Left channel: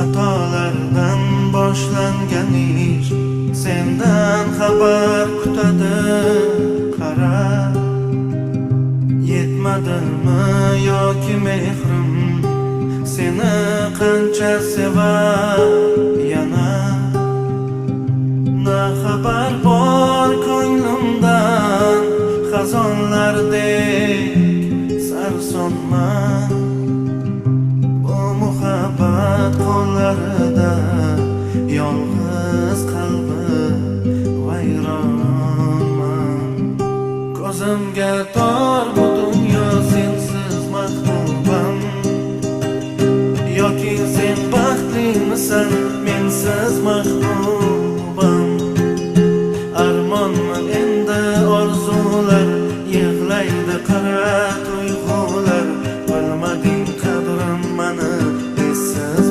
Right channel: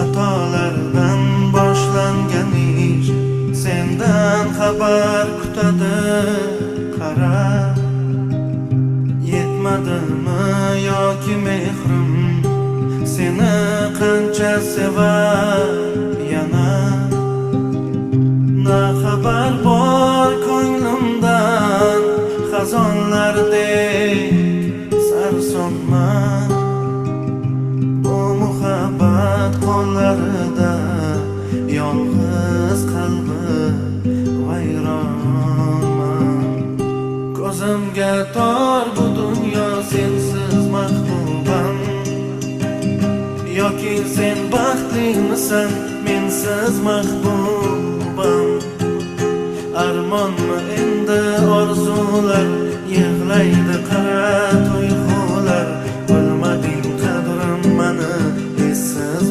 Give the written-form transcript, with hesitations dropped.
Xatolardan boshlangan ish sendan xabar kutadi. Qara, yetmadimi yoki mehrim seni qancha sevar yana. Na xabar bor ko'nglimdan xazonlardek sarsonman. Bu muhabbat qo'llarida yolg'iz qalbi vayronman. Ko'zimga tor bu dunyo sensiz mahbubam. Yoki sen baxtlimisan mensiz mahbubam. Armonmi endi orzular, yig'laydi qara tuyg'ular. Bilmading qadrim mani, essiz